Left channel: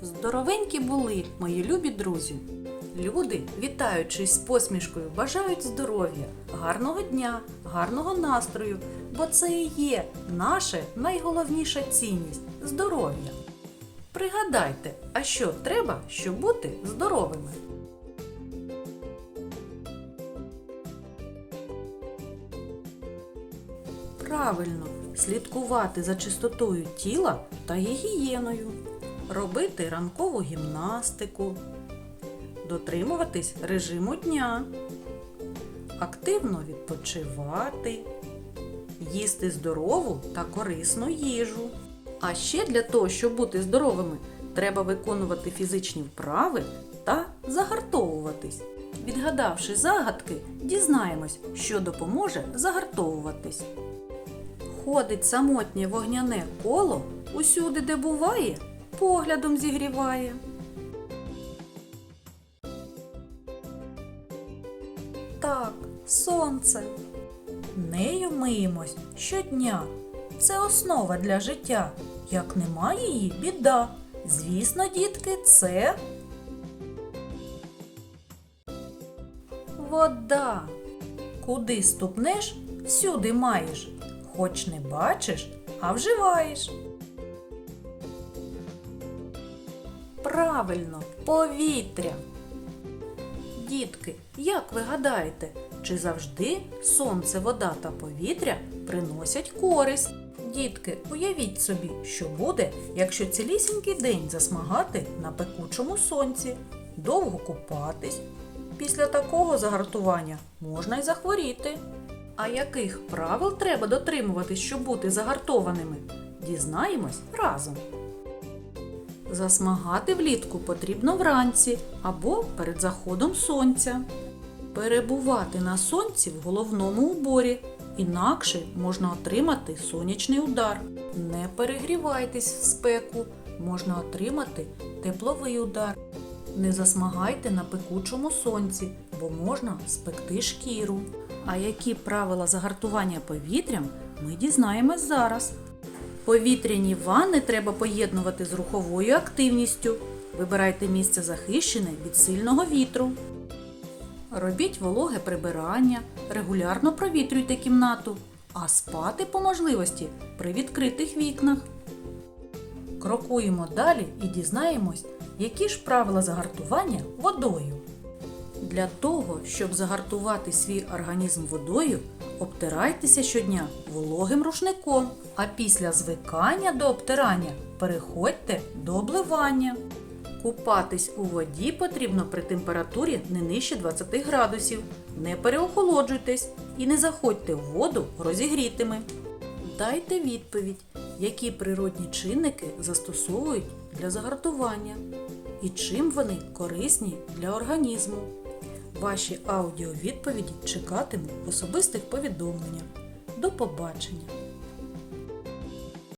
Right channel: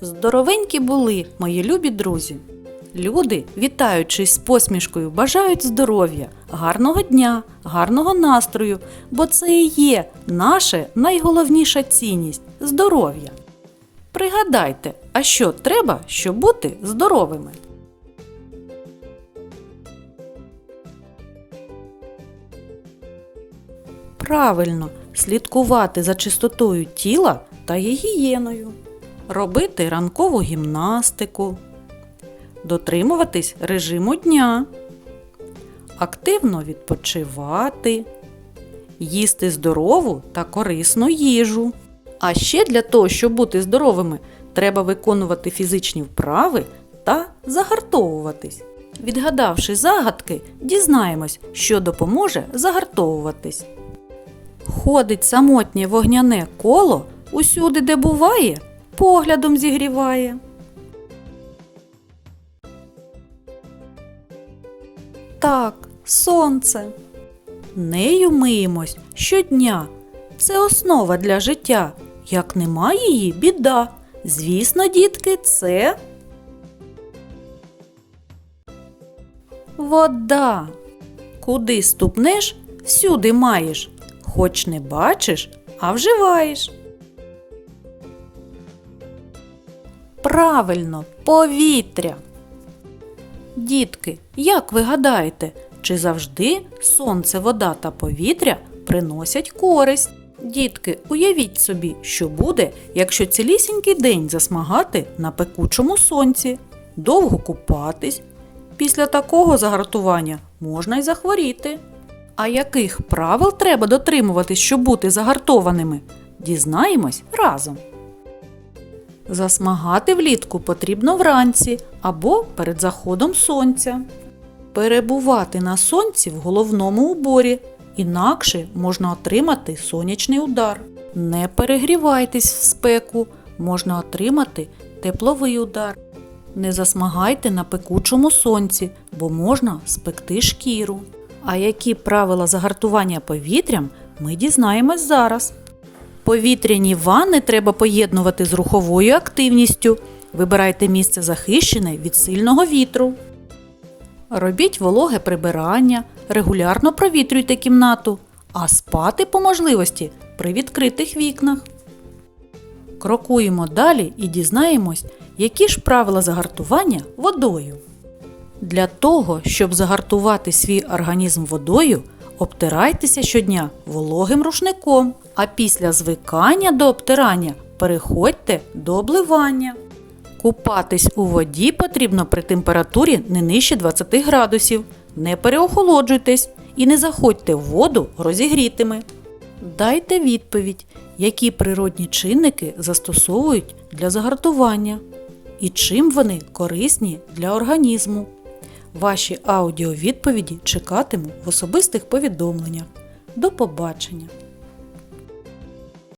Здоровенькі були, мої любі друзі. Люди, вітаючись з посмішкою, бажають здоров'я, гарного дня, гарного настрою, бо це і є наша найголовніша цінність здоров'я. Пригадайте, а що треба, щоб бути здоровими? Правильно, слідкувати за чистотою тіла та гігієною, робити ранкову гімнастику, дотримуватись режиму дня, активно відпочивати, їсти здорову та корисну їжу. А ще для того, щоб бути здоровими, треба виконувати фізичні вправи та загартовуватись. Відгадавши загадки, дізнаємось, що допоможе загартовуватись. Ходить самотнє вогняне коло усюди, де буває, поглядом зігріває. Так, сонце. Нею миємось щодня. Це основа для життя. Як немає її, біда. Звісно, дітки, це вода. Куди ступнеш, всюди маєш. Хоч не бачиш, а вживаєш. Правильно, повітря. Дітки, як ви гадаєте, чи завжди сонце, вода та повітря приносять користь? Дітки, уявіть собі, що буде, якщо цілісінький день засмагати на пекучому сонці, довго купатись. Після такого загартування можна й захворіти. А яких правил треба дотримуватись, щоб бути загартованими? Дізнаємось разом. Засмагати влітку потрібно вранці або перед заходом сонця. Перебувати на сонці в головному уборі, інакше можна отримати сонячний удар. Не перегрівайтесь в спеку, можна отримати тепловий удар. Не засмагайте на пекучому сонці, бо можна спекти шкіру. А які правила загартування повітрям ми дізнаємось зараз. Повітряні ванни треба поєднувати з руховою активністю. Вибирайте місце захищене від сильного вітру. Робіть вологе прибирання, регулярно провітрюйте кімнату, а спати по можливості при відкритих вікнах. Крокуємо далі і дізнаємось, які ж правила загартування водою. Для того, щоб загартувати свій організм водою, обтирайтеся щодня вологим рушником, а після звикання до обтирання переходьте до обливання. Купатись у воді потрібно при температурі не нижче 20 градусів. Не переохолоджуйтесь і не заходьте в воду розігрітими. Дайте відповідь, які природні чинники застосовують для загартування і чим вони корисні для організму. Ваші аудіовідповіді чекатиму в особистих повідомленнях. До побачення!